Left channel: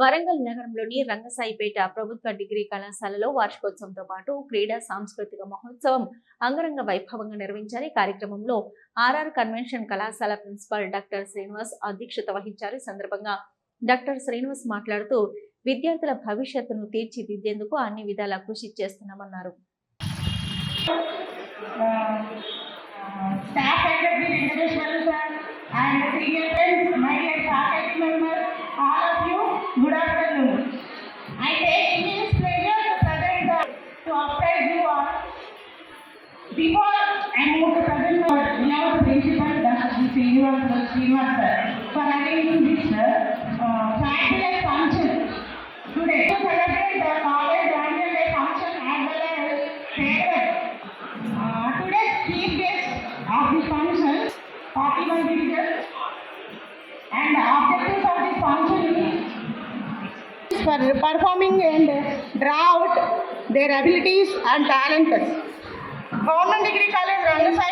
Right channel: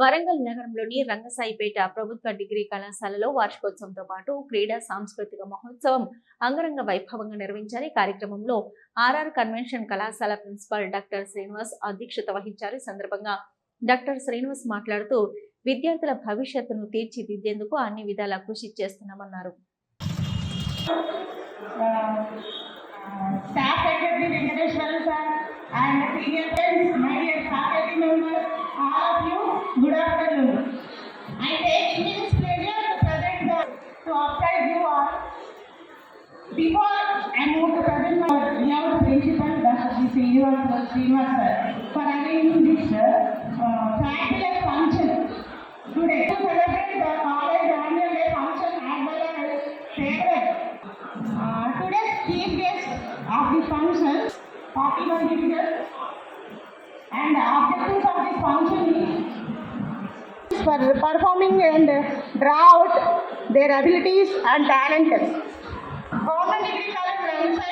వరంగల్ నగరంలోని రంగసాయిపేట ప్రభుత్వ డిగ్రీ కళాశాలలో వార్షికోత్సవంతో పాటు క్రీడా సాంస్కృతిక మహోత్సవం అంగరంగ వైభవంగా నిర్వహించారు. ఈ కార్యక్రమంలో ఆర్ఆర్ కన్వెన్షన్ కళాశాల ప్రిన్సిపాల్ డాక్టర్ శ్రీనివాస్ అధ్యక్షత వహించారు. ఈ సందర్భంగా డాక్టర్ శ్రీనివాస్ మాట్లాడుతూ విద్యార్థుల భవిష్యత్తును తీర్చిదిద్దేందుకు అన్ని విధాలా కృషి చేస్తున్నామన్నారు. Good afternoon. I take immense pleasure to present to update you all. Before I move to present we have the principal Dr. Srinivas sir for arranging this fabulous function today to celebrate the college annual day function as well as farewell. Today's chief guest of the function, 41 visitors, and objectives of this function for performing and draw out their abilities and talents. Government Degree College Rangasai,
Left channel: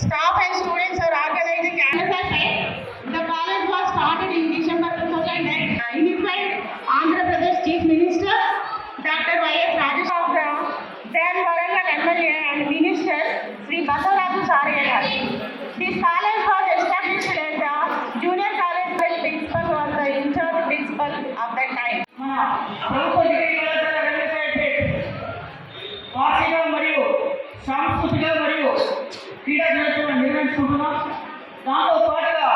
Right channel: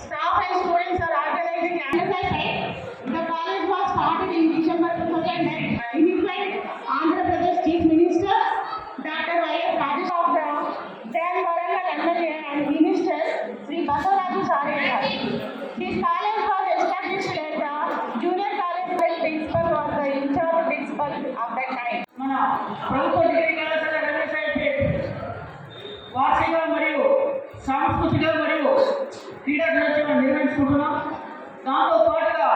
staff and students are organizing Rangasai. The college was started in December 2008. Unified Andhra Pradesh Chief Minister Dr. Y.S. Rajeshwara, then Warangal MLA and Minister Sri Basalraju Saraya. This college was established as a junior college by principal was the in-charge principal of that time. వార్షిక మరియు సాంస్కృతిక మరియు క్రీడా దినోత్సవం నిర్వహించుకుంటున్నాం. దాంతో పాటుగా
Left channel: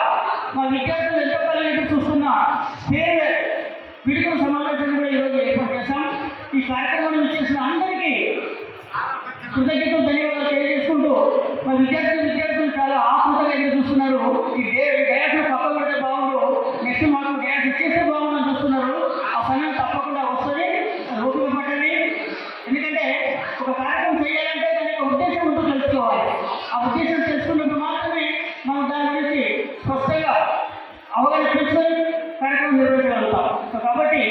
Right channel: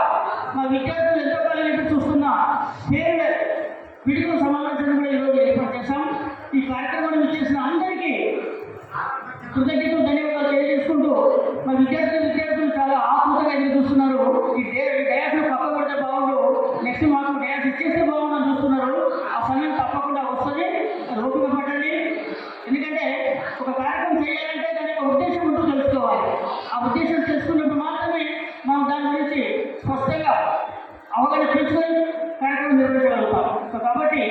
మా విద్యార్థులు ఎంతకాలం చూస్తున్న ఫేర్వెల్ విడుదల సమావేశం కూడా ఈరోజు ఏర్పాటు చేశాం. ఈ కార్యక్రమాన్ని చేసిన అందరికీ కృతజ్ఞతలు ధన్యవాదాలు తెలియజేసుకుంటూ మా విద్యార్థులు చాలా ఆత్మీయంగా ఎదురు చూస్తున్నారు. ఈ డ్యాన్స్ పక్కబడితే బాగుండు, నెక్స్ట్ మాకు డ్యాన్స్ ఇచ్చేస్తే బాగుందని చూస్తున్నారు. ఆ సమయం తప్పకుండా వస్తుంది, ఓపిక పడండి. ఎందుకంటే ఒక కార్యక్రమం చేయాలంటే దాని ఉద్దేశం ముందు తెలుసుకోవాలి. ఆ ఉద్దేశం తెలుసుకున్నప్పుడు మాత్రమే మనం దాని గురించి స్పష్టంగా అవగాహన తెలుసుకొని కార్యక్రమం నిర్వహించగలుగుతాం. సో కాబట్టి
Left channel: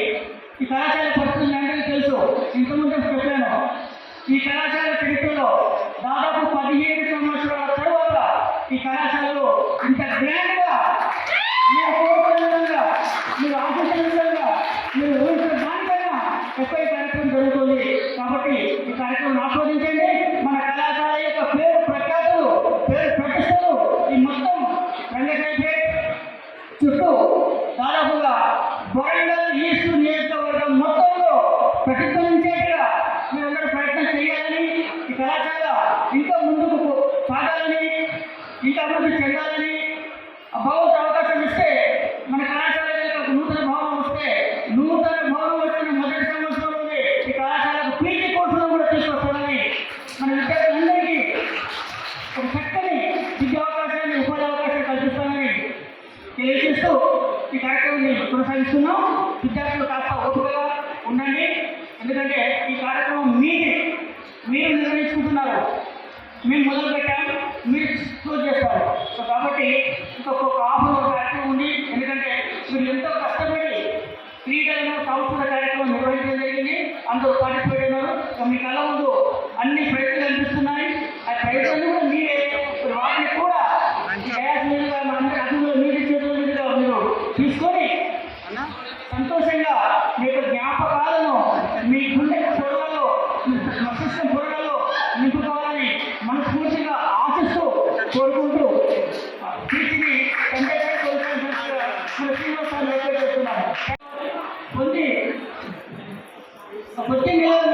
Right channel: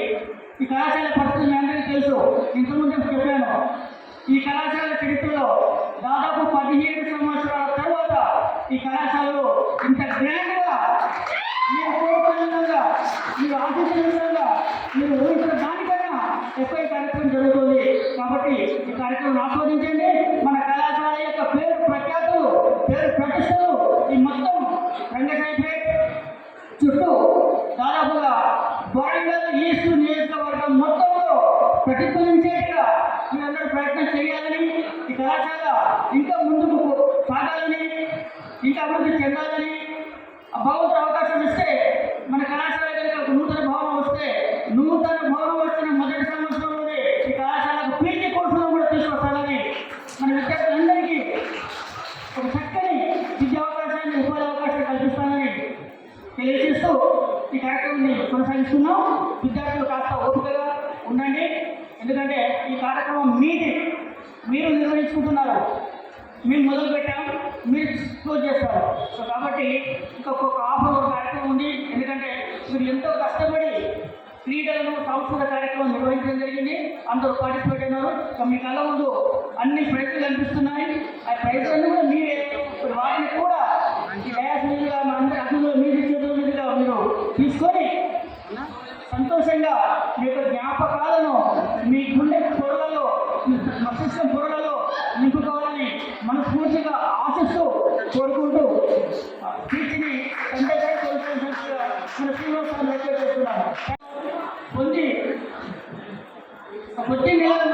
ఈ కళాశాల పరిస్థితులు అందరికీ తెలుసు. ఇంతకుముందు చెప్పాను, ఈ కళాశాల చరిత్రలో దాదాపు 17 సంవత్సరాల తర్వాత ఈ కళాశాలలో ఇంత గ్రాండ్గా మీరు కోరుకున్న విధంగా, మీరు ఆశించిన విధంగా, మీరు ఊహించిన దానికైనా ఎక్కువ కార్యక్రమం జరుగుతుంది. కాబట్టి ఈ కార్యక్రమం ఆస్వాదించండి. మన కళాశాల యొక్క పేరు ప్రఖ్యాతులు, పేరు ప్రతిష్టలు ఈ మొత్తం రంగసాయిపేట చుట్టూ దాదాపుగా వరంగల్ ఈస్ట్ నియోజకవర్గం మొత్తంలో ప్రతిఫలించేట్టుగా మీరందరూ ప్రయత్నం చేయాలని, ఈ కళాశాల ఇంకా ముందుకు సాగాలని, ఇంకా అభివృద్ధి చెందాలని భగవంతుడు అవకాశం ఇస్తే మన కళాశాల నూతన భవనం వస్తే, నూతన భవనం వచ్చిన మొదటి సంవత్సరంలోనే ఈ కళాశాలకు పీజీ కోర్సులు కూడా తీసుకొస్తామని మన విద్యార్థులందరికీ ఒక చక్కని విద్యా అవకాశాన్ని, ఉపాధి అవకాశాన్ని కల్పిస్తామని తెలియజేస్తూ ఈ కార్యక్రమాన్ని కొనసాగిస్తున్నాం. విద్యార్థులు కాస్త ఓపికగా ఉండండి. ఎందుకంటే ఈ కార్యక్రమం మీరు నిర్వహించుకుంటున్నారు, మీరు మొదలు పెట్టారు, మీరు క్లోజ్ చేస్తారు. సో కాబట్టి ఇంకొక హాఫ్ కార్యక్రమం ఉంది. ఎందుకంటే మీరు ఎంతో కష్టపడి క్రీడలను సాంస్కృతిక కార్యక్రమం నిర్వహించడం జరిగింది. అందరూ పార్టిసిపేట్ అయినారు. సో మీ కళ ముందు అన్ని ప్రైజులు కనిపిస్తున్నాయి. ఆ ప్రైజులను మీరే వాటిని కూడా అందరూ మీరు తీసుకొని సంతోషంగా మీ యొక్క జ్ఞాపకాలను మీ గుండె పొరలలో, మస్తిష్క పొరలలో నింపుకోవాలని మనస్ఫూర్తిగా ఆశిస్తూ కోరుకుంటూ వీటిని కొద్ది నెలలు